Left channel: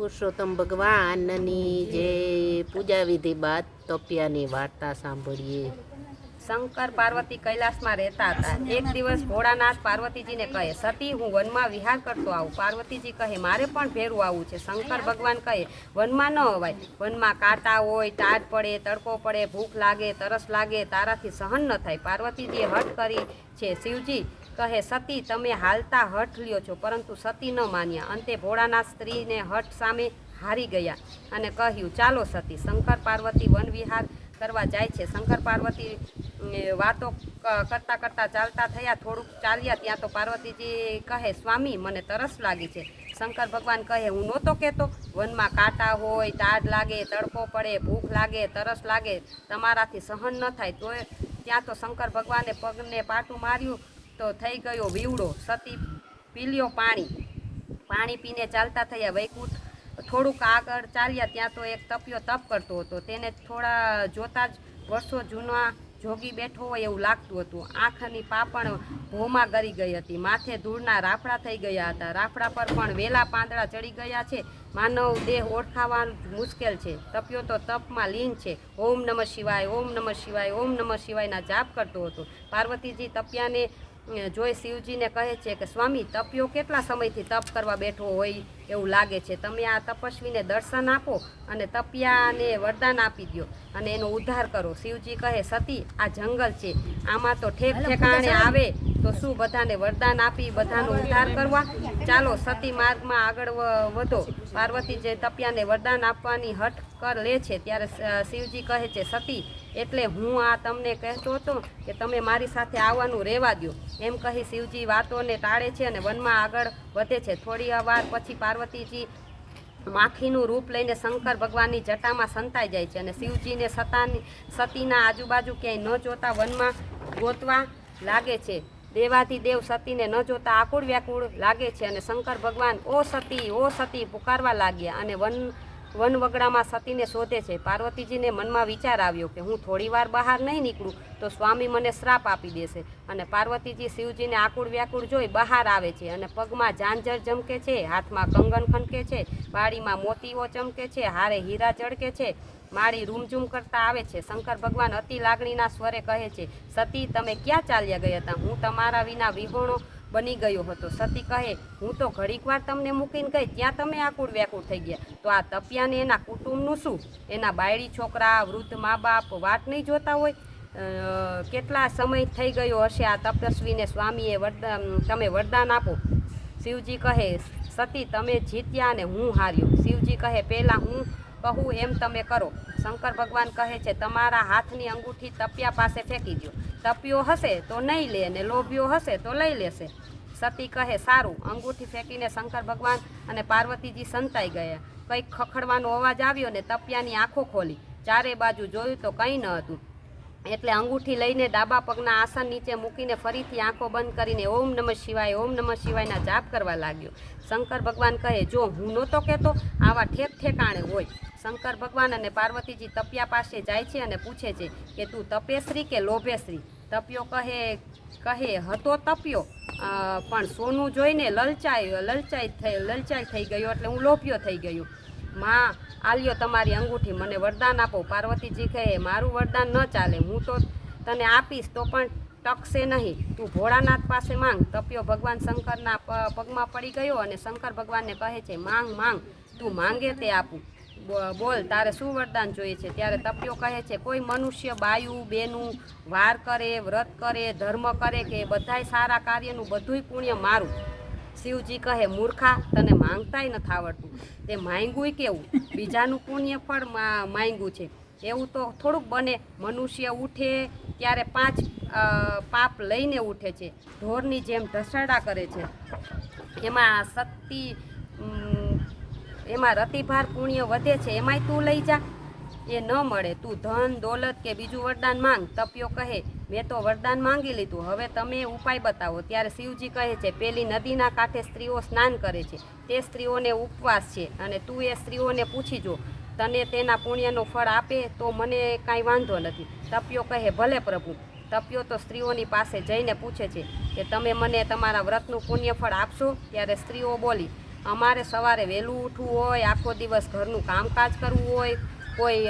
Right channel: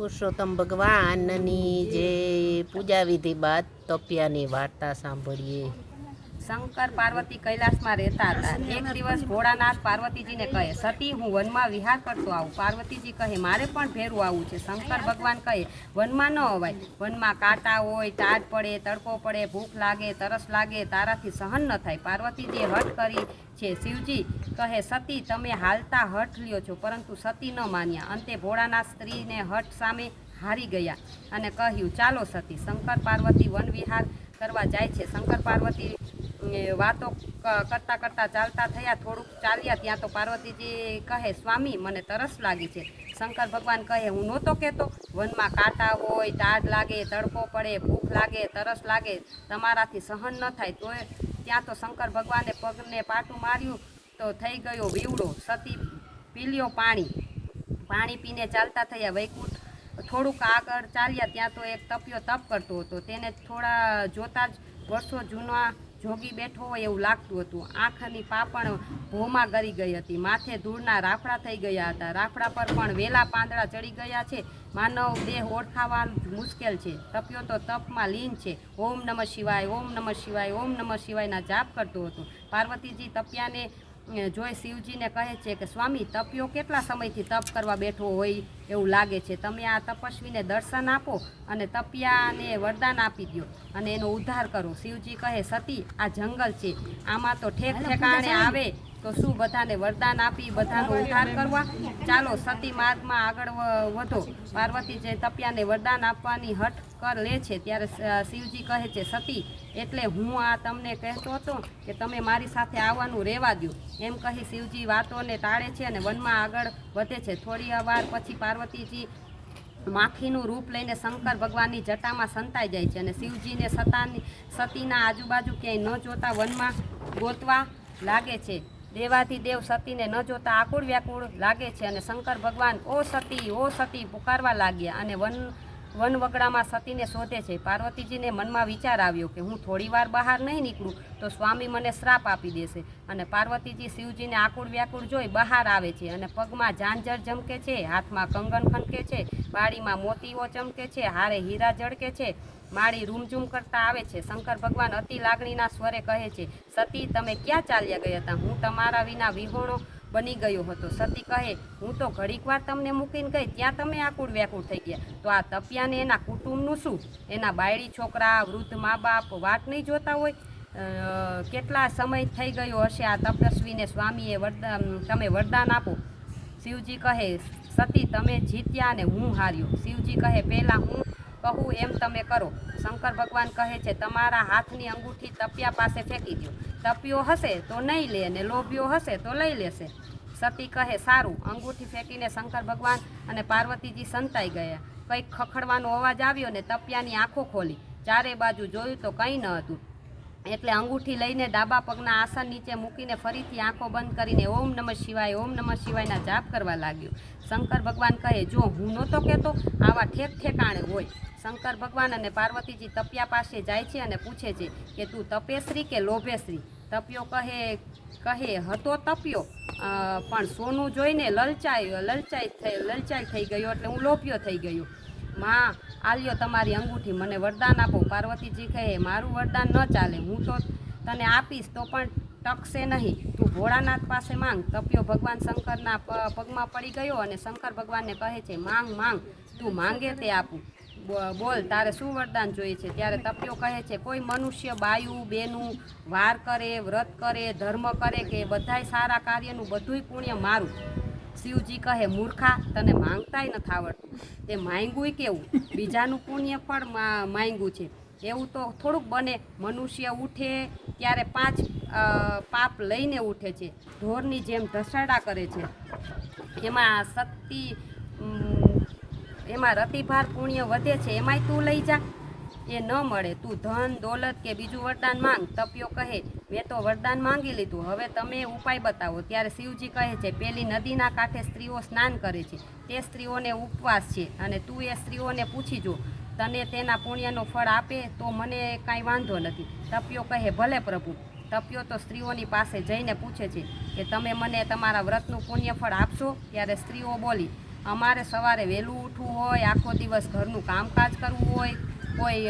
પુરુષોત્તમ ભગવાનની જે પૂજા વિધિ બાદ તપિયાની વાર્તા સાંભળીએ। શંકર પાર્વતી કૈલાસમાં રહેતા હતા। એક દિવસ ભોળાનાથ પાર્વતીજીને કહે, સતી હું વનમાં વિહાર કરતો આવું। પાર્વતીજી કહે, મારે પણ ભેરું આવવું છે। શંકર ભગવાન કહે, વનમાં ન અવાય, વનમાં કાંટા હોય, ટાઢ પડે, તડકો પડે, ભૂખ લાગે, તરસ લાગે, તારાથી સહન ન થાય। પાર્વતીજીએ હઠ કરી છે। શિવજી કહે, સતી તમે હાલતા હઠ લ્યો છો, પરંતુ સતી ન માન્યા। અંતે ભોળાનાથ સ્ત્રીને હઠ સામે હારી ગયા અને કહ્યું, ચાલો સતી। શંકર પાર્વતી વન વિહાર કરવા જાય છે। શંકર પાર્વતી વાતો કરતા કરતા ચાલતા થયા। થોડુંક ચાલ્યા ત્યાં તો પાર્વતીજી કહે, સ્વામી મને તરસ લાગી છે। શંકર ભગવાન કહે, હું નહોતો કહેતો વનમાં કાંટા હોય, ટાઢ લાગે, તડકો પડે, ભૂખ લાગે, તરસ લાગે, તમારાથી સહન ન થાય। તો ત્યાં તો શંકર ભગવાને પગને પાટું માર્યું તો થઈ ગયો વીવડો। સતી પીલ્યો પાણી પીને ચાલતા થયા। વૈકુંઠ થોડુંક આગળ ચાલ્યા ત્યાં તો એક તપિયો તપ કરતો હતો। તેને થોડા જોતા જ વર્ષો જૂના જોગી બેઠો હોય એવું લાગતું હતું। આંખની પાપણ ભોમાં ગરી ગઈ હતી, માથે ધૂળના રાફડા થઈ ગયા હતા। રાફડા પર પણ વેલા પાંદડા ચડી ગયા છે। માનવ દેહ ઓળખાવાનું મુશ્કેલ છે। તપિયો તો તપમાં લીન છે। ઓમ નમઃ શિવાય, ઓમ નમઃ શિવાય, ઓમ નમઃ શિવાયના જાપ કરતો હતો। પાર્વતીજી તપિયાને જોઈ શિવજીને કહે છે કે સ્વામી, તપિયો કેટલા સમયથી તપ કરવા બેઠો હોય એવું લાગે છે। તમે આ તપસ્વીને દર્શન આપો અને તપિયાને વરદાન આપી દો અને એનો ઉદ્ધાર કરો। શિવજી કહે, સતી આ જંગલ છે, આમાં તો ઠેક ઠેકાણે આવે તો શું બધાને વરદાન આપી બધાનો ઉદ્ધાર કરવા? ચાલો સતી માર્ગમાં આગળ વધો। પાર્વતીજી તપિયાને વરદાન આપવાની હઠ કર લે છે ત્યારે શિવજી કહે છે, સતી એટલે હું આ તમને કહેતો હતો કે તમે મારી સાથે આવવાનું રહેવા દો। એમ કહી શિવજી વાતોને ટાળે છે અને વનમાં આગળ વધે છે। થોડી વાર પછી પાર્વતીજી માખીનું રૂપ લઈને શંકર ભગવાનની જટામાં સંતાઈ જાય છે અને શિવજીને સતીના આજુબાજુ ક્યાંય ન જોતા વનમાં ગોતવા લાગે છે। દેવાધિદેવ સતીને ન જોતા આકુળ વ્યાકુળ લાગે છે અને શંકર ભગવાન ઓ સતી પુકારવા લાગ્યા અને વનવગડામાં સતીને શોધે છે। પાર્વતીજીને મનમાં વિચાર આવ્યો કે હું થોડી વાર બહાર નહીં નીકળું તો સ્વામી મને શ્રાપ આપી દેશે અને પાર્વતીજી શિવજીને આકુળ વ્યાકુળ જોઈ બહાર આવે છે અને પગમાં ઝાંઝર ઝમકે છે, હાથમાં કંગન ખનકે છે, બાળીમાં મોતીઓ ચમકે છે, હારે હીરા જળકે છે, માળી રૂમઝૂમ કરતા આવે છે। શંકર ભગવાન અતિ લાગણીના સ્વરે કહે છે, સતી તમે ક્યાં ચાલ્યા ગયા હતા? હું તમારા વિના વિહોણો બની ગયો હતો। સતી કહે, હું તો ઘડીક વાર તમને મૂકીને ગઈ, ત્યાં તમે આકુળ વ્યાકુળ થઈ ગયા। તો આ તપિયાને એના કુટુંબનું શું? એના બાયડી છોકરા, વૃદ્ધ મા બાપ વાટ નહીં જોતા હોય? કેટલા સમય થઈ ગયો હશે આ તપસ્વીને? સ્વામીએ તમે વરદાન આપો। શિવજી કહે, સતી તમે જીત્યા અને હું હાર્યો। શિવજી કહે, પહેલાં હું કહું એમ તમે કરો। શંકર ભગવાન કહે છે, તમારા હાથની અંગૂઠી તપિયા પાસે ફેંકી દો। તપિયો હશે તો નહીં લે અને લોભ્યો હશે તો લઈ લેશે। સતી કહે, સારું। અંગૂઠી ફેંકીને શંકર ભગવાન અને પાર્વતીજી સંતાઈ ગયા। કંઈક ખખડવાનો અવાજ આવ્યો ને તપિયાની આંખો ખોલી, ચારે બાજુ જોયું તો કંઈ ન હતું। એટલે અંગૂઠી લઈને ડાબા પગના આસન નીચે મૂકીને ફરીથી આંખો બંધ કરીને ઓમ નમઃ શિવાય, ઓમ નમઃ શિવાયના જાપ કરવા લાગ્યો। શંકર ભગવાન કહે, જો હું નહોતો કહેતો આવા ઠેક ઠેકાણે હોય। શંકર ભગવાન અને પાર્વતીજી તપિયા પાસે જાય છે અને પૂછે છે કે તું તપેશ્રી કે લોભેશ્રી? તપિયો કહે હતો તપિયો, પણ સોનું જોઈને લલચાઈ થઈ ગયો એટલે હું લોભ્યો થઈ ગયો। માં આલ્યો તમારી અંગૂઠી, મને વરદાન આપો। પાર્વતીજી કહે, મારું વરદાન ન ચાલે, હું તો તને આપીશ તો પણ ટકશે નહીં, તું ભોળાનાથ પાસે માંગ। તપિયો ભગવાન શંકરના પગમાં પડી ગયો અને શંકર ભગવાનને કહે છે, માંગ તું માંગે તે આપું, બોલ તારે શું વરદાન જોઈએ છે? ત્યારે તપિયો કહે છે, કોઈ મનુષ્ય બાયું બેનું વાર કરે, વ્રત કરે, ધર્મ કરે કે બધાય સારા કાર્યનું બધુંય પુણ્ય મારું। શિવજી કહે, મૂર્ખા, તને માંગતાય નથી આવડતું, તે માંગ્યુંય કેવું? બીજાનું પુણ્ય ફળ માંગ્યું છે, એવું તો થોડુંક બને। મનુષ્ય ઉઠે ત્યારે 5 પાપ લઈને ઉઠે છે, ઢોરની જેમ ઢસરડા કરે છે, એમાં રતિભાર પુણ્ય વધે છે, એમાંય તું લઈ જા, એ ન મળે। તું ધન દોલત કે બીજું વરદાન માંગ। તપિયો કહે, મેં તો વરદાન માંગી લીધું, હવે તમે ઉપાય બતાવો। ત્યારે શિવજી કહે છે, પેલી નદીના કાંઠે સ્ત્રીઓ સ્નાન કરે છે, તે સ્ત્રીઓને ઉપવાસ છે અને તું એ સ્ત્રીઓને પૂછી જો, તને તેના પુણ્યનું ફળ આપે તો મને કાંઈ વાંધો નથી। તપિયો કહે, ભલે પ્રભુ। તપિયો તો સ્ત્રીઓની પાસે જઈને પૂછે છે કે તમે મને તમારા વ્રતનું પુણ્યફળ આપશો? ત્યારે સ્ત્રીઓ બોલી, અમારે સવારે વહેલું ઉઠવું હોય, આખો દિવસ ઘરનું કામકાજ કરવું હોય, કોઈ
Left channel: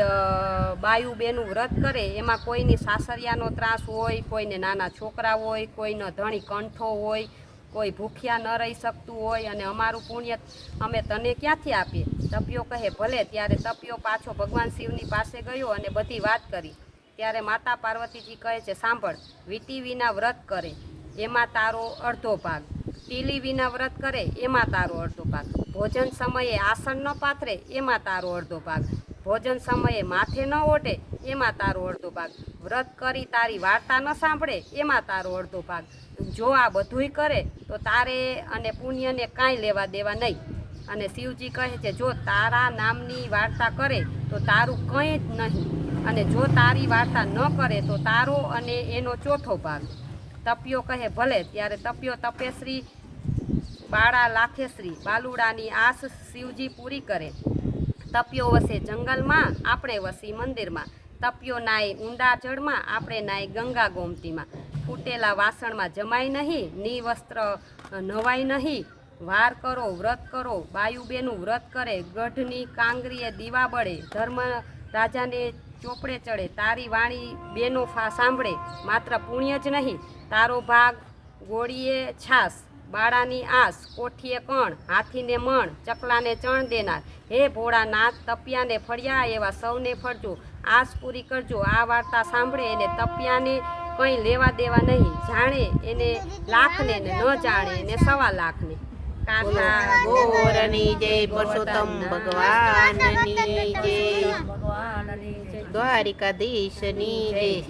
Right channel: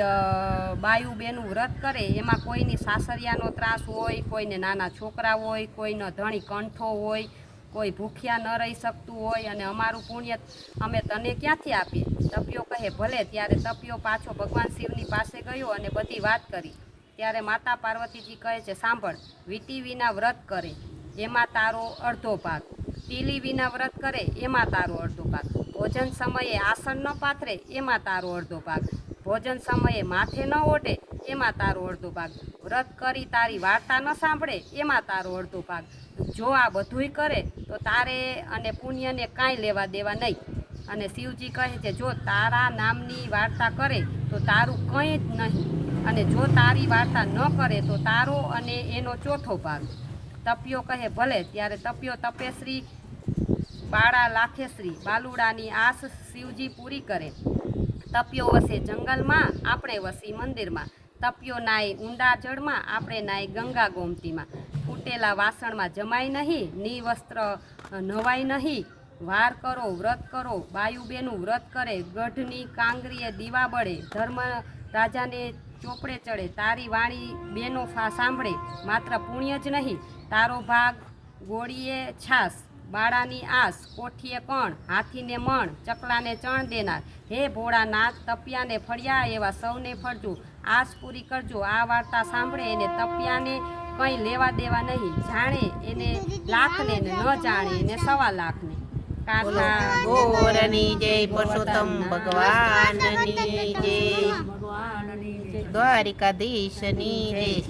બાયું બેનું વ્રત કરે એમાં કોઈની સાસરિયાનો ત્રાસ હોય, કોઈને નાના છોકરા હોય, કોઈનો ધણી કંઠો હોય, કોઈ ભૂખ્યા ન રહી શકતું હોય, અને અમારું પુણ્ય અમે તને ક્યાંથી આપીએ? તપિયો કહે ભલે. ત્યારે તપિયો પાછો ભગવાન શિવની પાસે ગયો અને બધી વાત કરી. ત્યારે માતા પાર્વતીજી કહે છે, સાંભળ, વીટી વિના વ્રત કરે એમાં તારો અડધો ભાગ, તીલી વિના વ્રત કરે એમાં તારો અડધો ભાગ, ભોજન સમયે આસન ન પાથરે એમાં તારો અડધો ભાગ, ભોજન સમયે માથે ન ઓટે એમાં તારો અડધો ભાગ, વ્રત કરી તારી વાર્તા ન સાંભળે એમાં તારો અડધો ભાગ. જો આ બધુંય કરે તો તારે અને પુણ્યને કાંઈ લેવા દેવા નહીં. અને શિવજી કહે છે, જો તારા નામની વાર્તા કરે તો તારું કંઈ જ નહીં, અને જો તારી વાર્તા ન કરે તો તારો અને એનો ચોથો ભાગ. તપિયો કહે ભલે. ત્યારે તપિયો તપેશ્રી બાળા લાખેશ્રી બાલુડાની આસ શિવજી પૂરી કરે. તપિયો વસે જંગલમાં, આપણે વસી મંદિરમાં. તપિયો નાય ઊંડા જળમાં, આપણે નાય ગંગા ગોમતીમાં. ફૂટેલા વાસણમાં જમાય નહીં, ની વસ્ત્ર નવાય નહીં. વાર કરો, વ્રત કરો, બાયુબેનું વ્રત કરે, ગઢની કાંગરીએ દીવા બળે, ધર્મ રાજાને ચોપડે ચડે. તારી વાણી બેનો સાંભળે, માત્ર પુણ્ય જ નહીં, તારો ભાગ ગોળીએ છાસ, બાળાની આસ, કોઠીએ કણ, હાથીને મણ, ચકલાને ચણ દેનાર. હે ભોળાનાથ, તપિયાને ફળ્યા એવા સૌને ફળજો, આસ પૂરી કરજો. આ વાર્તા સાંભળે એને તપિયાને કંઈ લેવા દેવા નહીં, જાણે એને લાખને ને ન જાણે એને 1.25 લાખને. ગોરની જય, પુરુષોત્તમ ભગવાનની જય, દ્વારિકાધીશની જય.